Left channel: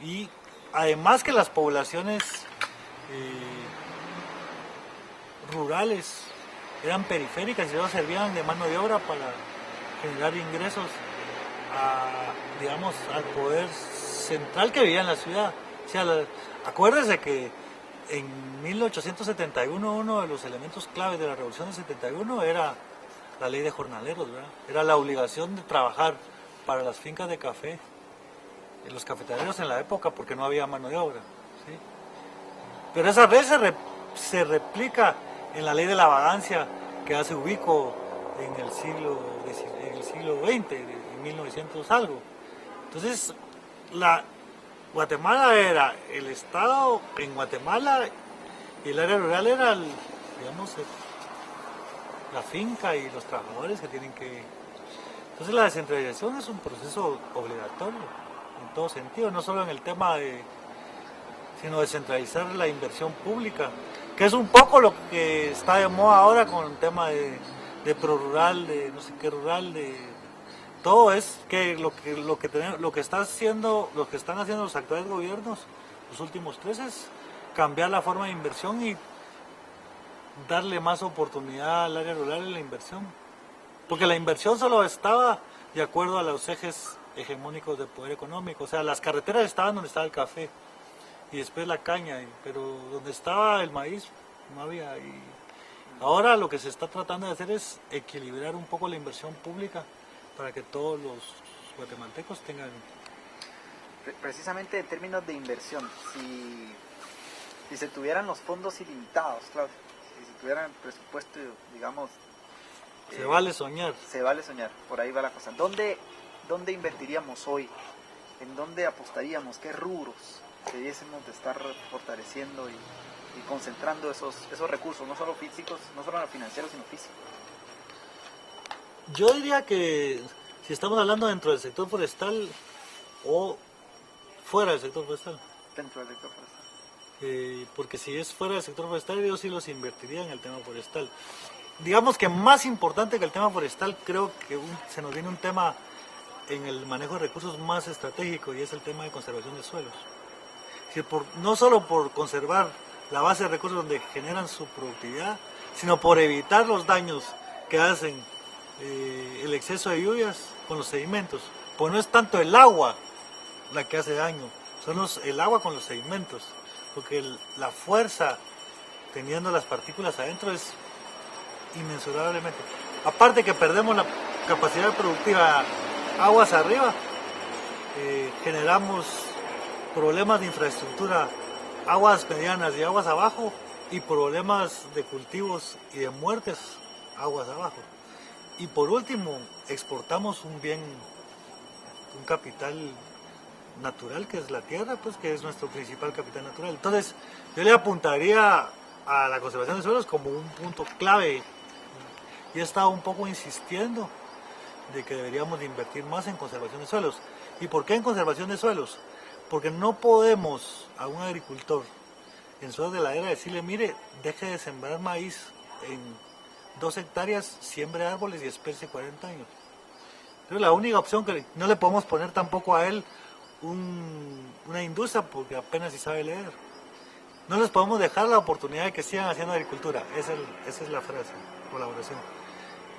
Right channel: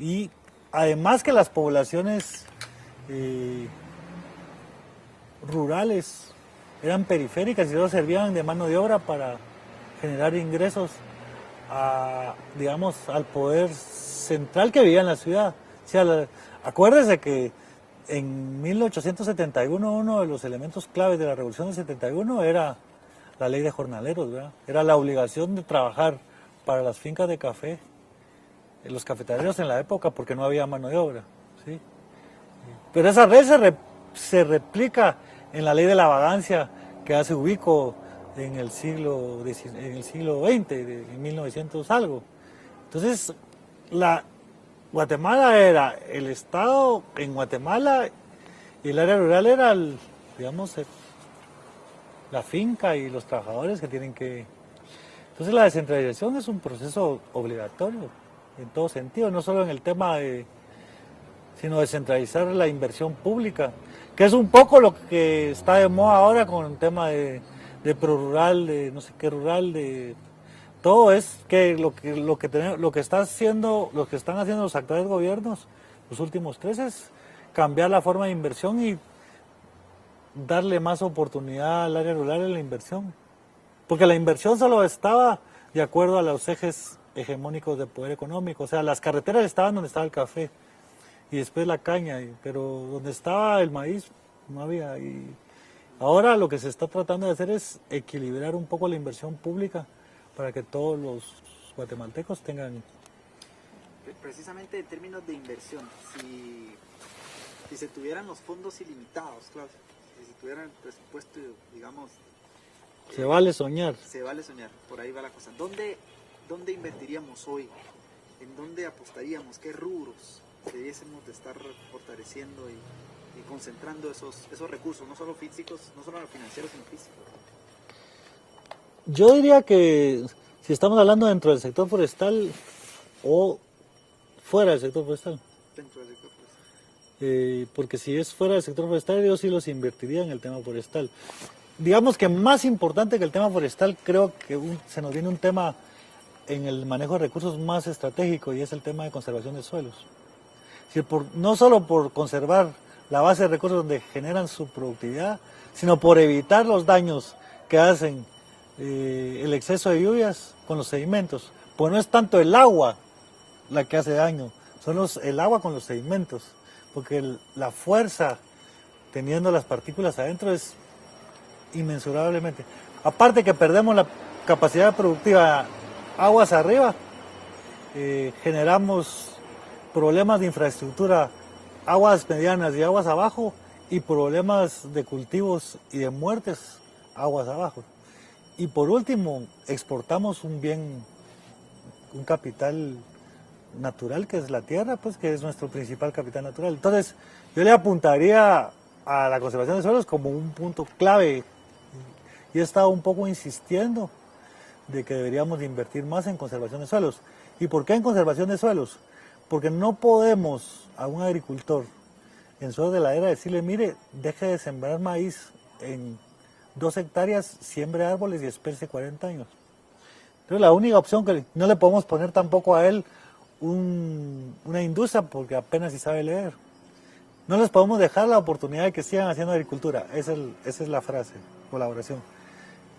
Y además que las poblaciones eh, rurales eran periféricas y solo servían de mano de obra para generar ingresos digamos, al poder central que vivía en la ciudad. O sea, acuérdese que en 1871 uno de los elementos claves de la Revolución del 71 era la ley de jornaleros, ¿verdad? Era la obligación de trabajar para las fincas de café, los cafetaleros en la época, porque no había mano de obra, ¿sí? Pero esa ley se replica en la ley de la vagancia que hace Ubico en el siglo XX, en 1900 algo. Entonces, la, Guatemala era el Estado en Guatemala y el área rural era, digamos, la finca y los trabajadores que tienen que... Entonces la descentralización es un proceso obligatorio en todo sentido, no solo en el tema de, sino descentralizar la inversión pública, que es un poco lo que está de moda ahora con el tema de prorural, de no sé qué rural, de todo es que lo que está haciendo, lo que están haciendo los actuales gobiernos, los últimos tres, es cambiar la forma de inversión y darle más oportunidad al área rural en la inversión. Porque la inversión solo estaba de acuerdo a los ejes hegemónicos de poder económico. O sea, las carreteras estaban donde estaba el café y después la caña, pero donde estaba el maíz no había. Y ahora lo que se está tratando de hacer es equilibrar un poco la inversión pública para que todos los guatemaltecos tengan... Precisamente en términos de inversión, si se tuvieran los fondos ilimitados, claro, si se tuvieran el presupuesto, digamos... Se vale soñar. Se vale soñar, por ahí va la cosa. ¿Dónde invertiríamos hoy? ¿En dónde apostaríamos? ¿Qué rubros debiésemos de estar fortaleciendo y concentrando esos recursos, no solo físicos, no solo financieros, sino físicos? Yo diría que si estamos hablando dentro del sector forestal o fuera del sector forestal. Dentro del sector forestal. Porque si es fuera del sector forestal, yo sí los invertiría en el tema forestal. Digamos que más importante que el tema forestal, creo que se nos viene un tema en el manejo de recursos más estratégico y es el tema de conservación de suelos. No solo por conservar la base de recursos donde generan su productividad, sino por evitar los daños que hacen el exceso de lluvias con los sedimentos. Pues no es tanto el agua la que hace daño, son el agua con los sedimentos, porque la fuerza teniendo las partículas adentro es inmensurablemente. Aparte que perdemos la capacidad productiva aguas arriba, generamos problemas de infraestructura, aguas medianas y aguas abajo, y problemas de cultivos y de muertes aguas abajo. Y por último, exportamos un bien, un capital natural que es la tierra, pues que es nuestro principal capital natural. Entonces, yo le apuntaría a la conservación de suelos como un punto clave y he estado un poco insistiendo de que deberíamos de invertir más en conservación de suelos. ¿Y por qué en conservación de suelos? Porque no podemos a un agricultor en suelos de ladera decirle, mire, deje de sembrar maíz en 2 hectáreas, siembre árboles y espérese 40 años. Pero la única opción que no le podemos poner tampoco a él una industria porque apenas si sabe leer. No les podemos dejar la oportunidad de que sigan haciendo agricultura. Esa es la frase, colaboración.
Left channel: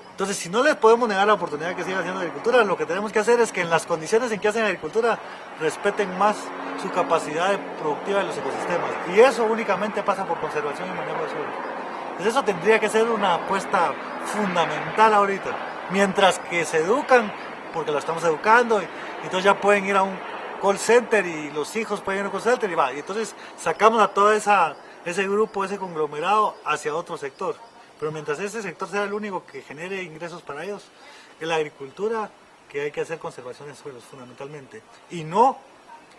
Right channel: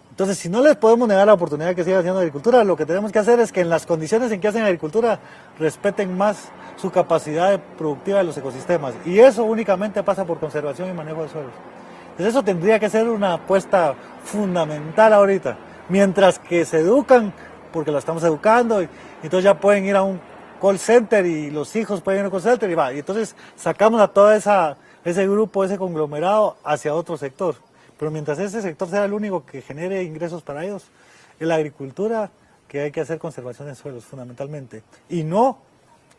Entonces, si no les podemos negar la oportunidad de que sigan haciendo agricultura, lo que tenemos que hacer es que en las condiciones en que hacen agricultura respeten más su capacidad productiva de los ecosistemas. Y eso únicamente pasa por conservación y manejo de suelos. Entonces, eso tendría que ser una apuesta fundamental ahorita. Mientras que se educan, porque lo estamos educando, y entonces ya pueden ir a un call center y los hijos pueden ir a un call center y va. Y entonces sacamos a todo ese grupo, ese conglomerado hacia otro sector. Pero mientras ese sector sea el único que genere ingresos para ellos, es la agricultura, que hay que hacer conservación de suelos fundamentalmente. Y no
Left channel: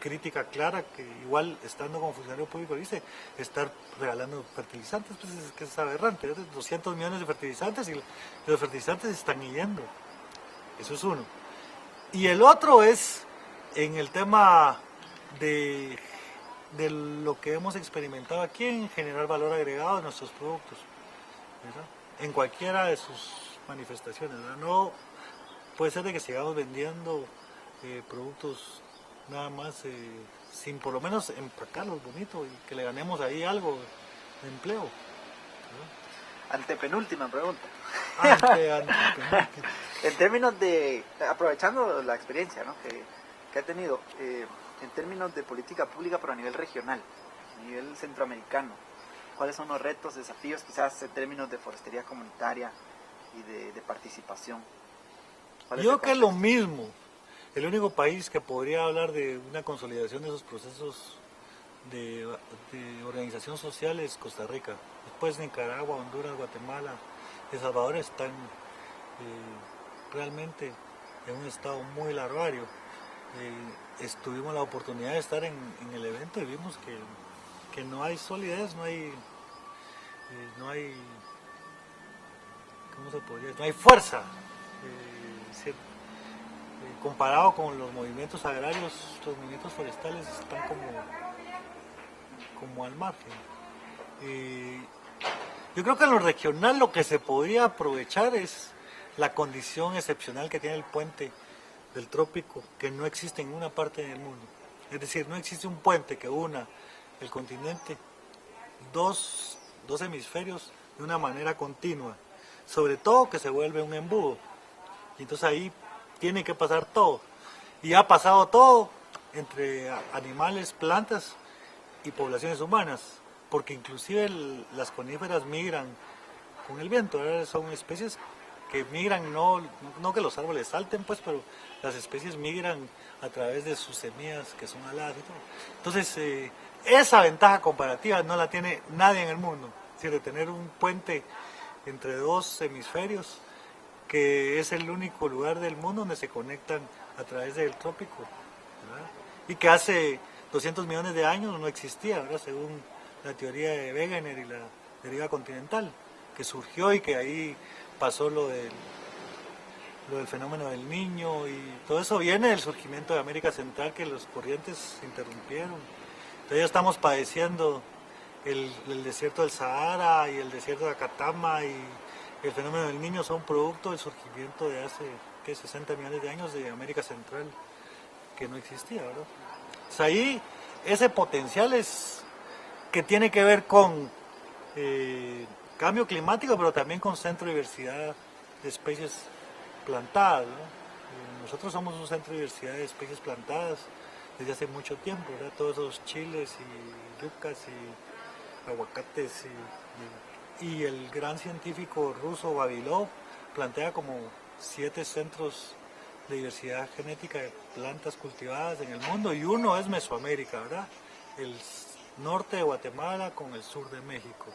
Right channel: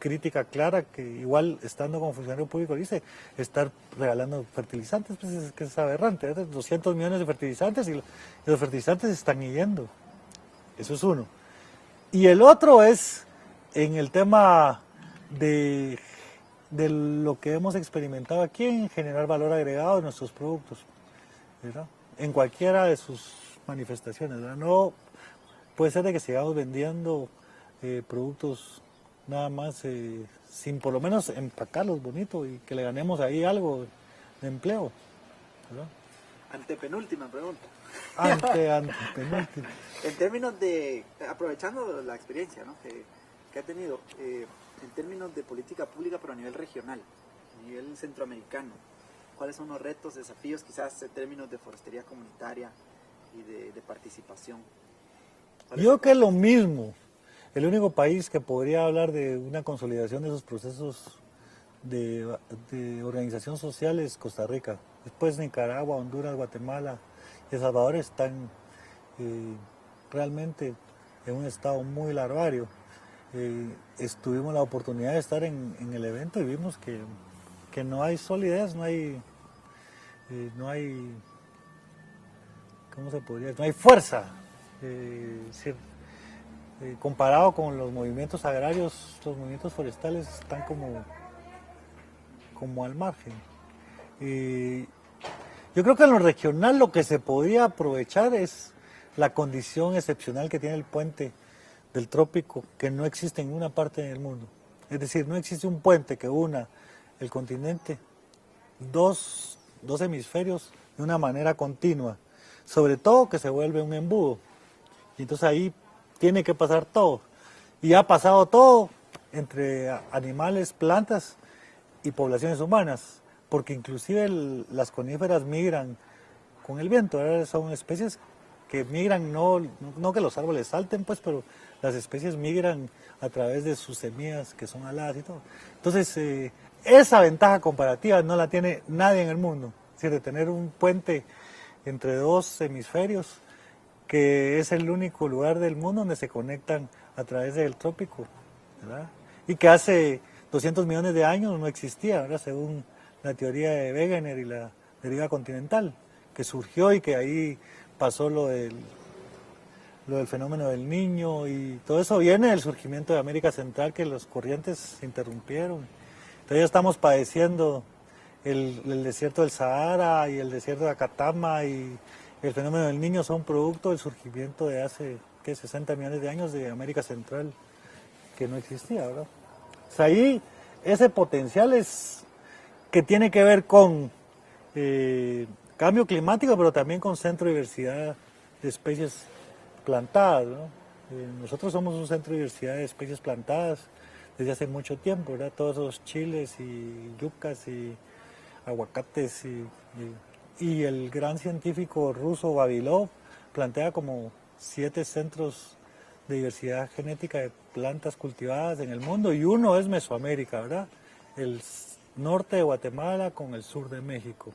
crítica clara que igual estando como funcionario público dice, estar regalando fertilizantes, pues es que es aberrante, 200 millones de fertilizantes y los fertilizantes están yendo. Eso es uno. Y el otro es en el tema de lo que hemos experimentado aquí en generar valor agregado en nuestros productos, ¿verdad? En cualquiera de sus manifestaciones, ¿verdad? No puede ser de que sigamos vendiendo productos nada más sin por lo menos empacarlos bonito y que le ganemos ahí algo de empleo, ¿verdad? Antepenúltima pregunta. Penúltima. En términos de, aprovechando la experiencia, ¿no?, que ha tenido, en términos de política pública, pero a nivel regional, a nivel centroamericano, ¿cuáles son los retos, desafíos, quizás en términos de forestería comunitaria y de participación? Yo creo que es lo mismo. El único país que podría hablar de una consolidación de esos procesos de organización social es Costa Rica. Después Nicaragua, Honduras, Guatemala, El Salvador están realmente en un estado muy larvario. Tuvimos la oportunidad de estar en el evento y vimos que no hay solidez, no hay, ¿cómo se podría decir? No hay fuerza. Comparado con los movimientos agrarios, los movimientos forestales están como al margen. Yo creo que en lo regional lo que se podría aprovechar es la condición excepcional que tiene el puente del trópico, que no existe en ninguna parte del mundo. Es decir, no existe un puente que una el continente, dos hemisferios, de una manera continua. Sobre todo que se vuelve un embudo. Y entonces ahí tiene que pasar todo. Y ha pasado todo entre animales, plantas y poblaciones humanas, porque inclusive las coníferas migran con el viento, ¿verdad? Son especies que migran, no que los árboles salten, pues, pero las especies migran a través de sus semillas que son aladas y todo. Entonces, esa ventaja comparativa no la tiene nadie en el mundo, es decir, de tener un puente entre dos hemisferios, que es el único lugar del mundo donde se conectan a través del trópico, ¿verdad? Y que hace 200 millones de años no existía, ¿verdad? Según la teoría de Wegener y la deriva continental, que surgió y que ahí pasó lo del fenómeno del Niño, y todo eso viene del surgimiento de América Central, que los corrientes se interrumpieron. Entonces ya estamos padeciendo el desierto del Sahara y el desierto de Acatama, y el fenómeno del Niño son producto del surgimiento de hace 60 millones de años de América Central, que no existía, ¿verdad? O sea, ahí ese potencial es que tiene que ver con cambio climático, pero también con centro de diversidad de especies plantadas, ¿no? Nosotros somos un centro de diversidad de especies plantadas desde hace mucho tiempo, ¿verdad? Todos esos chiles y yucas y aguacates y el gran científico ruso Vavilov plantea como 7 centros de diversidad genética de plantas cultivadas en el mundo, y uno es Mesoamérica, ¿verdad? El norte de Guatemala con el sur de México.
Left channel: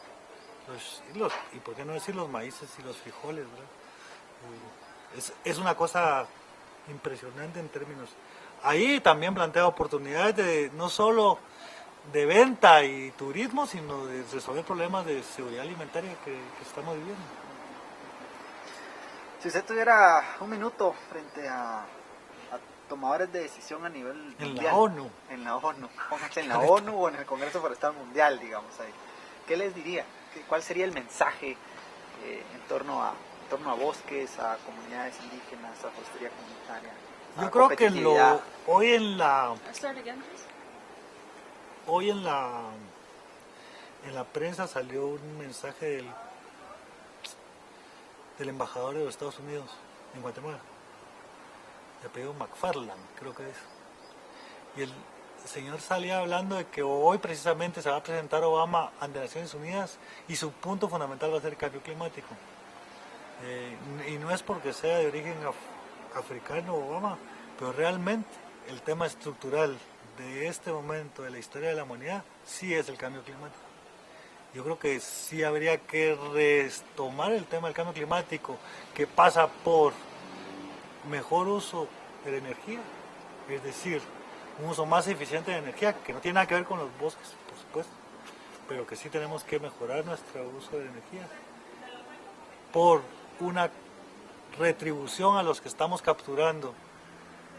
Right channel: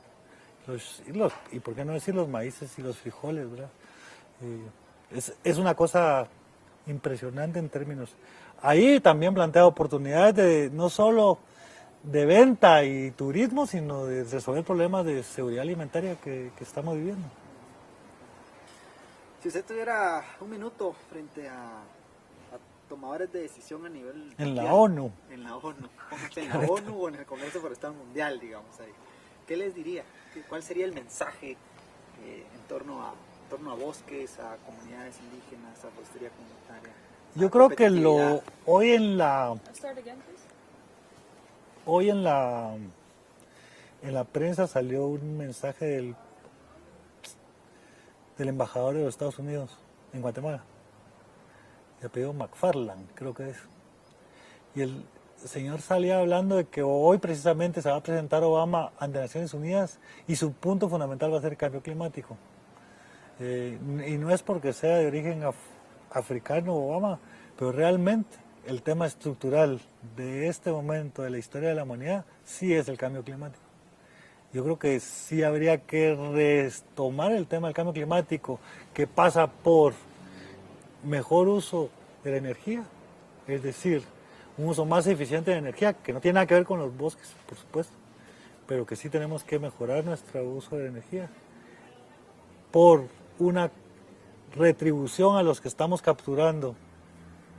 Y por qué no decir los maíces y los frijoles, ¿verdad? Es una cosa impresionante en términos. Ahí también plantea oportunidades de no solo de venta y turismo, sino de resolver problemas de seguridad alimentaria que estamos viviendo. Si usted tuviera un minuto frente a tomadores de decisión a nivel en mundial, la ONU, en la ONU o en el Congreso Forestal Mundial, digamos ahí, ¿qué les diría? ¿Cuál sería el mensaje en torno a bosques, a comunidades indígenas, a forestería comunitaria? Yo creo que hoy en la prensa salió un mensaje del embajador de los Estados Unidos en Guatemala, de apellido McFarland, creo que es. Y el señor salía hablando de que hoy precisamente se va a presentar Obama ante Naciones Unidas y su punto fundamental va a ser el cambio climático. Y no es porque sea de origen africano Obama, pero realmente el tema estructural de este momento de la historia de la humanidad sí es el cambio climático. Yo creo que sí habría que retomar el tema del cambio climático, que pasa por mejor uso de la energía, es decir, un uso más eficiente de energía, que no tiene nada que ver con los bosques, por supuesto, pero que sí tenemos que mejorar nuestro uso de energía, por una retribución a los que estamos capturando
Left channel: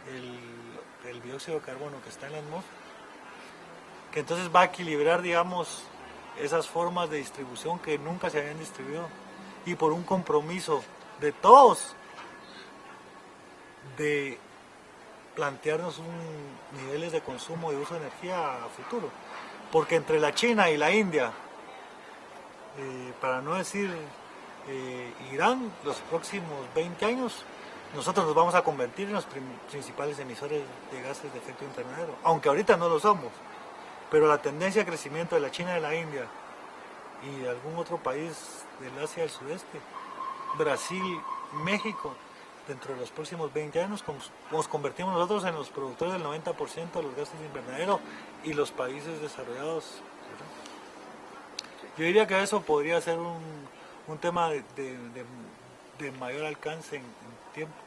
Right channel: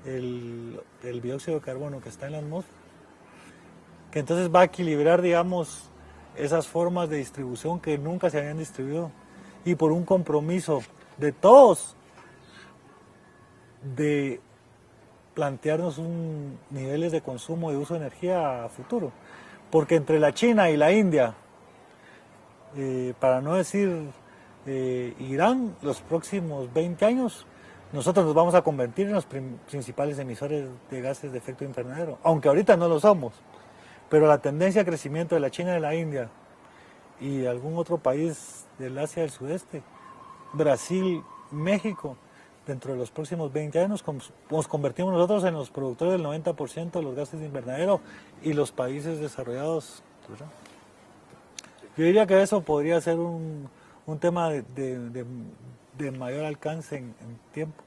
el dióxido de carbono que está en la atmósfera, que entonces va a equilibrar, digamos, esas formas de distribución que nunca se habían distribuido, y por un compromiso de todos de plantearnos niveles de consumo y uso de energía a futuro. Porque entre la China y la India, para no decir Irán, los próximos 20 años, nosotros nos vamos a convertir en los principales emisores de gases de efecto invernadero, aunque ahorita no lo somos, pero la tendencia de crecimiento de la China y de la India y de algún otro país del Asia del Sudeste, Brasil, México, dentro de los próximos 20 años nos convertimos nosotros en los productores del 90% de los gases de invernadero y los países desarrollados. ¿Verdad? Yo diría que eso podría ser un tema de mayor alcance en tiempo.